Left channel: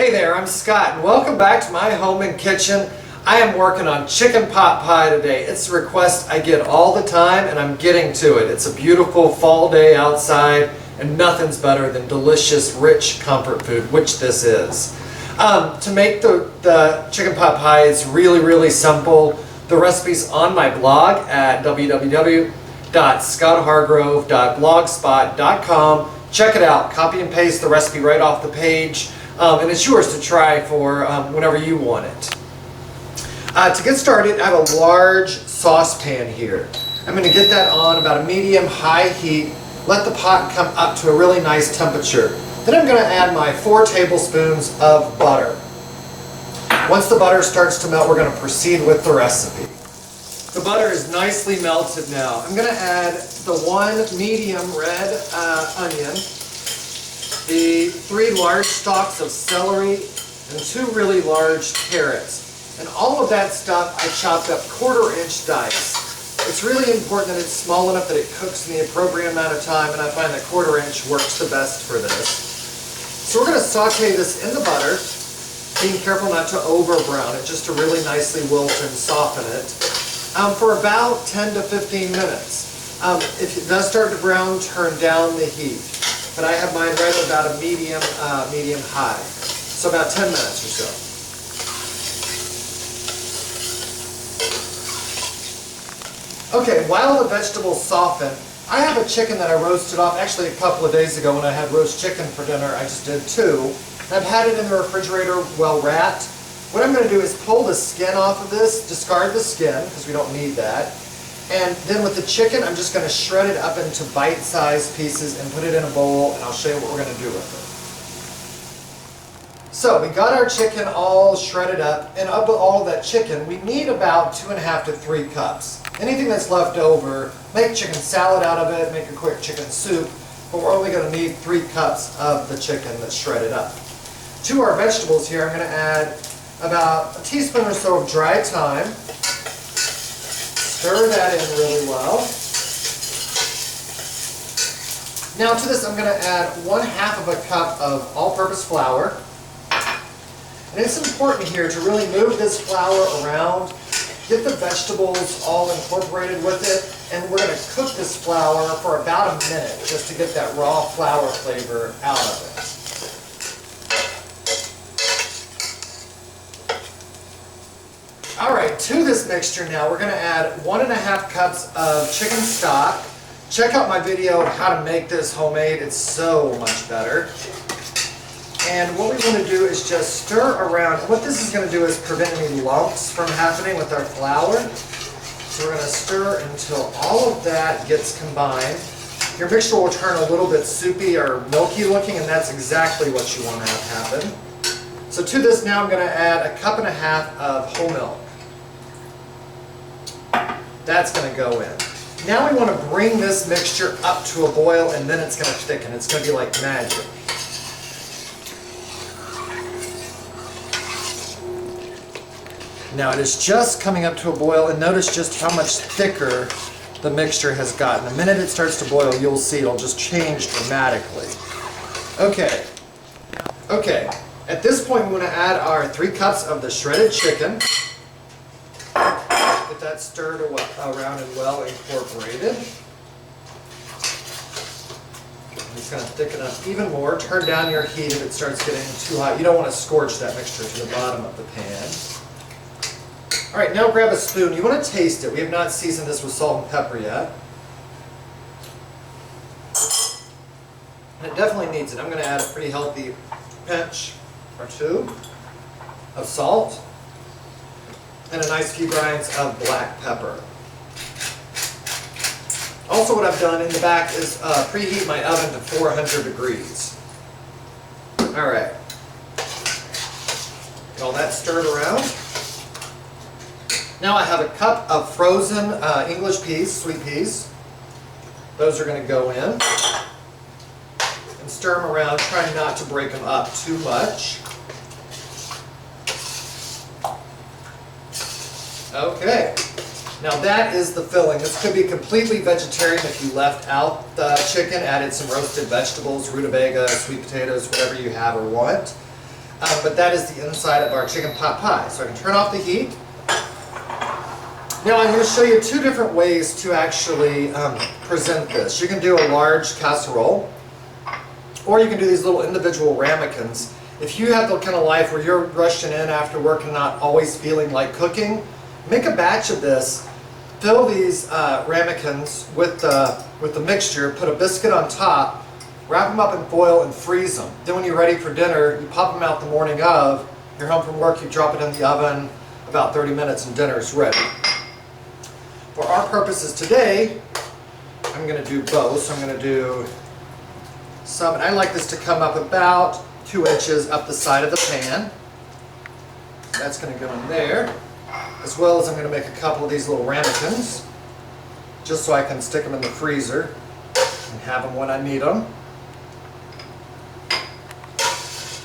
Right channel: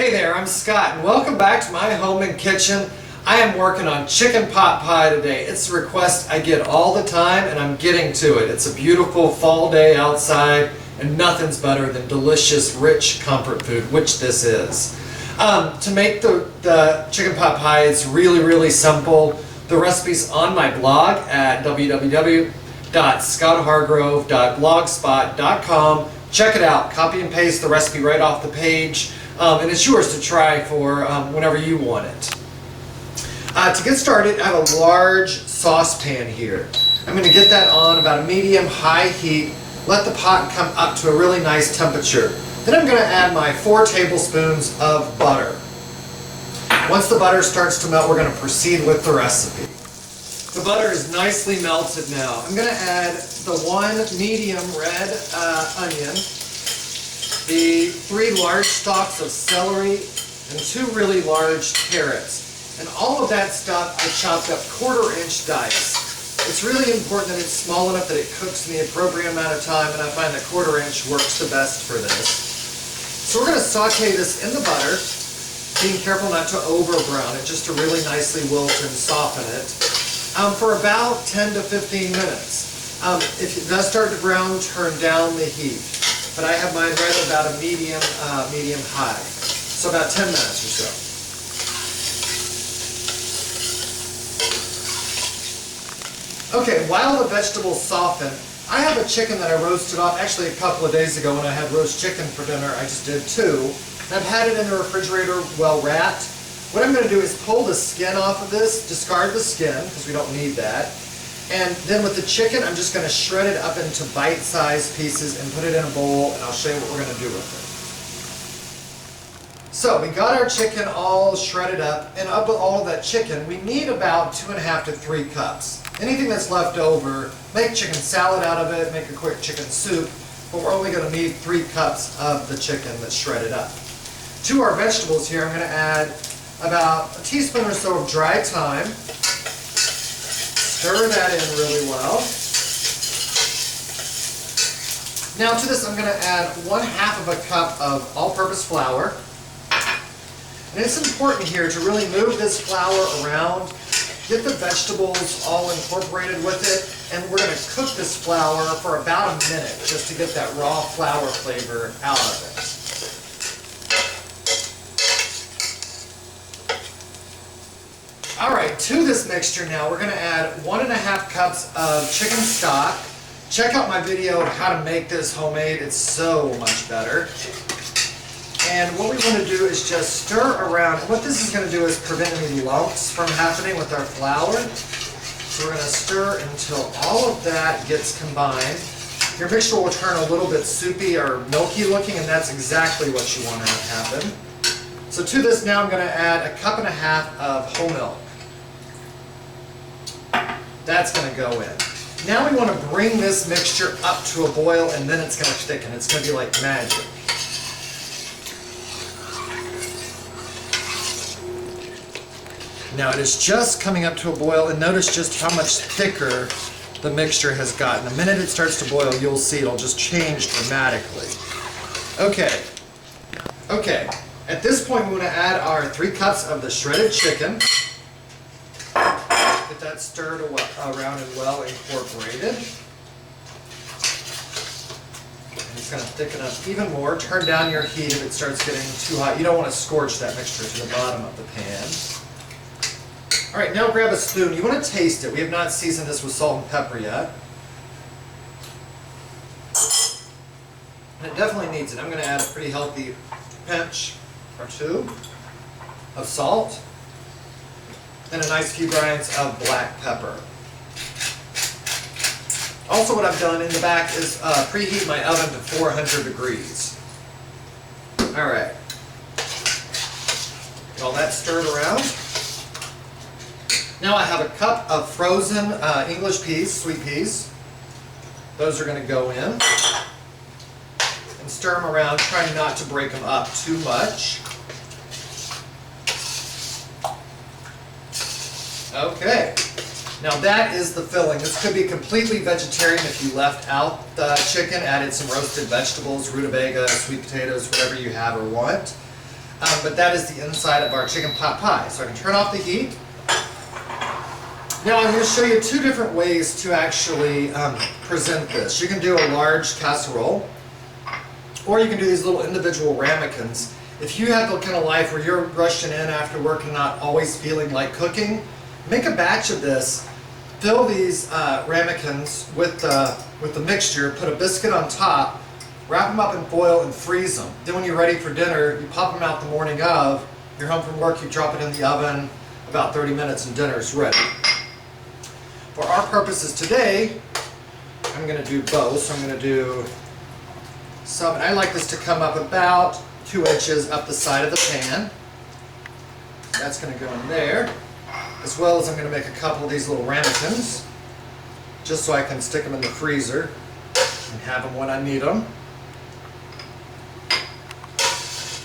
Hey there, I'm Scott and welcome back to my home and kitchen. I am working on chicken pot pie today. It's a request I get all the time and I'm getting to it. It's a beautiful fall day outside and nothing's better than delicious, rich comfort food, which this is. To make the chicken pot pie, it's really simple. The recipe's on my blog at www.scotthargrove.blogspot.com. Check it out, copy and paste the recipe right off the page. And it's yours to try for whenever you want it. To get started, I have a large saucepan here. I'm going to get that on about a medium-high heat. Let the pot come up to a really nice temperature. Then I'm going to add my 4 tablespoons of butter. Once the butter starts to melt, we're going to proceed with the recipe. The butter is nicely melted now. I'm going to add the 1 medium red onion, the 3 large stalks of celery, and 2 really large carrots. And all of that stuff I chopped up 1/4-inch dice. It's really important that it's small enough that it cooks in the appropriate amount of time, and I find that 1/4-inch works the best for this. So we're going to saute this in the butter, being careful not to over brown it, just to really nicely wilt and soften it, for about 10 to 15 minutes. If it does start to brown, turn down the heat. But I have mine right at about a medium high. So about 10 minutes or so. Okay, while the vegetables soften, I have a chicken that I roasted off actually a couple of days ago when I had roast chicken for dinner. I just did 2. And I've had it in the refrigerator well wrapped. What I'm going to do is pull the skin off of this, discard the skin because we don't need that. And then with the chicken, I'm just going to shred it up into bite-sized pieces and put it in a bowl, and I'll show you what we're going to do with it. So we got our chicken all shredded up, and of all of that chicken, we need about 2.5 to 3 cups. Anything that's left over, make chicken salad out of it, make a quick chicken soup, but we're only going to need 3 cups of the chicken that's shredded up. To our vegetables here, I'm going to add about a teaspoon or so of dry thyme. Stir that in really well. Now to this I'm going to add 1/2 of a cup of all-purpose flour. And it's important here to really move this flour around, get the vegetables all incorporated with it, and we're going to cook this flour for about a minute just to get that raw flour flavor out of it. Alright, to this mixture now, we're going to add 1.5 cups of chicken stock. Check out my video on how to make this homemade. It's so much better. And what we want to do is just stir around. What this is going to do is prevent any lumps from happening with our flour. So we're going to stir until all of that gets combined. Your mixture will turn a little bit soupy or milky looking, and that's exactly what you want to have happen. So to this now I'm going to add 1.5 cups of whole milk. That's going to go in. Now we want to bring this mixture up to a boil, and then it's going to thicken. It's going to be like magic. Now it is just coming up to a boil, and notice just how much thicker the mixture has gotten. The minute it starts to boil, you'll see it'll just change dramatically. Okay. At this point, we want to add our 3 cups of the shredded chicken. Get that stirred around and well incorporated. And it's going to thicken up even more. Turn down your heat if it starts getting too hot. You don't want to scorch that mixture to the bottom of the pan. Alright, now grab a spoon. You want to taste it. We have not seasoned this with salt and pepper yet. And it definitely needs it. I'm going to add a pretty healthy pinch or 2 of salt and a nice few grinds of black pepper. Also what I've done in the back is preheat my oven to 400 degrees. Alright. Get all that stirred around. Now I have a cup of frozen English peas, sweet peas. Those are going to go in. And stir them around, trying not to break them up too much. Okay. Now that is the filling. This could be completely vegetarian if you left out the chicken, added some roasted vegetables, rutabaga, sweet potatoes, whatever you have or want. but that is the inside of our chicken pot pie. So I can turn off the heat. Now I'm going to show you two different ways to actually present this. You can do a large casserole, or you can do these little individual ramekins. If you have the kind of life where you're rushing in after work and not always feeling like cooking, make a batch of this. Fill these ramekins with the mixture, put a biscuit on top, wrap them up in foil and freeze them. Then when you're ready for dinner, you pop them out the morning of, you're home from work, you drop it in the oven, about 30 minutes and dinner's ready. For our purposes today, I'm going to do both. So I'm going to do some, and I like this to come up about 2 inches up the side of the pan. So that's going to go in there. As well as I'm going to make a couple of these little ramekins, just so I can stick them in the freezer and have them when I need them.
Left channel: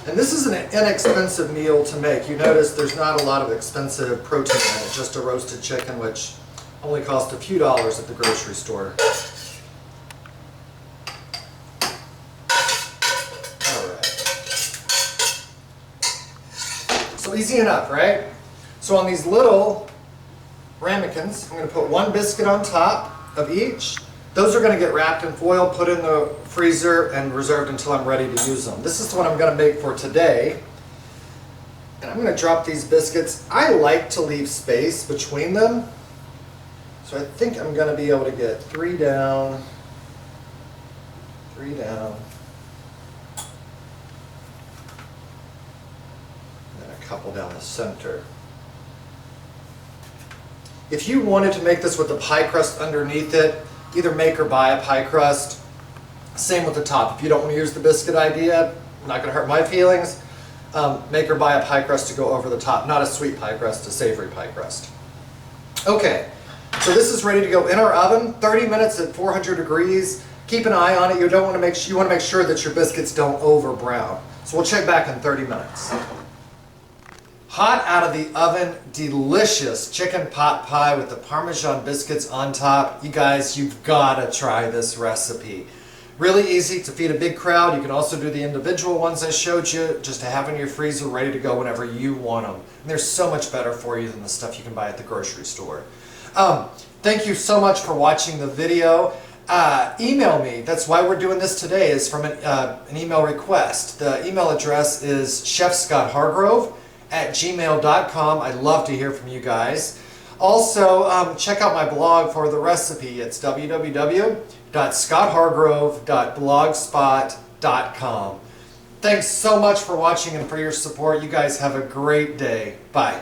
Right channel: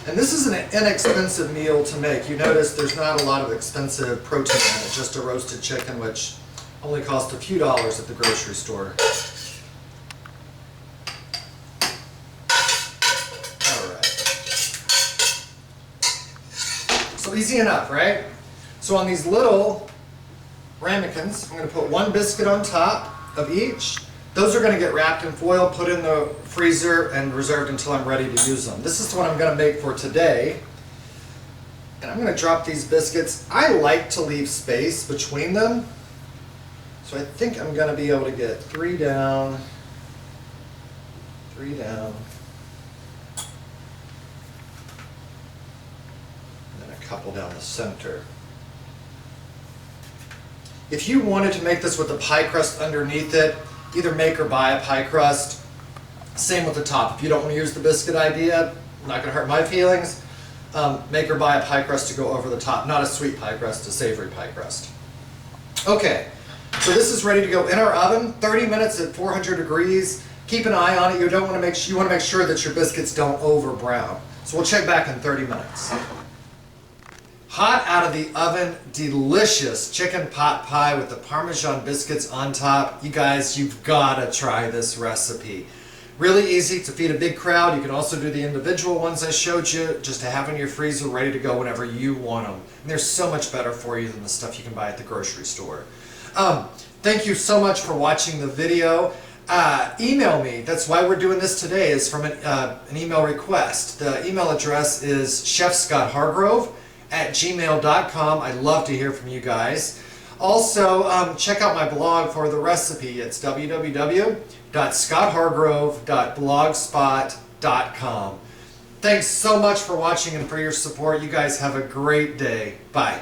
And this is an inexpensive meal to make. You notice there's not a lot of expensive protein in it, just a roasted chicken, which only cost a few dollars at the grocery store. Alright. So easy enough, right? So on these little ramekins, I'm going to put 1 biscuit on top of each. Those are going to get wrapped in foil, put in the freezer, and reserved until I'm ready to use them. This is the one I'm going to make for today. And I'm going to drop these biscuits. I like to leave space between them. So I think I'm going to be able to get 3 down, 3 down, and then a couple down the center. If you wanted to make this with the pie crust underneath it, either make or buy a pie crust. Same with the top. If you don't want to use the biscuit idea, not going to hurt my feelings, make or buy a pie crust to go over the top. Not a sweet pie crust, a savory pie crust. Okay. So this is ready to go in our oven, 30 minutes at 400 degrees. Keep an eye on it. You want to make sure that your biscuits don't over brown. So we'll check back in 30 minutes. Hot out of the oven, delicious chicken pot pie with the Parmesan biscuits on top. You guys, you've got to try this recipe. Really easy to feed a big crowd. You can also do the individual ones I showed you, just to have in your freezer ready to go whenever you want them. And they're so much better for you than the stuff you can buy at the grocery store. Thank you so much for watching the video. Email me. That's why we're doing this today, is from an email request. The email address is chefscotthargrove@gmail.com. I'd love to hear from you guys. Also, check out my blog for the recipe. It's www.scotthargrove.blogspot.com. Thanks so much for watching and for your support. You guys have a great day. Bye.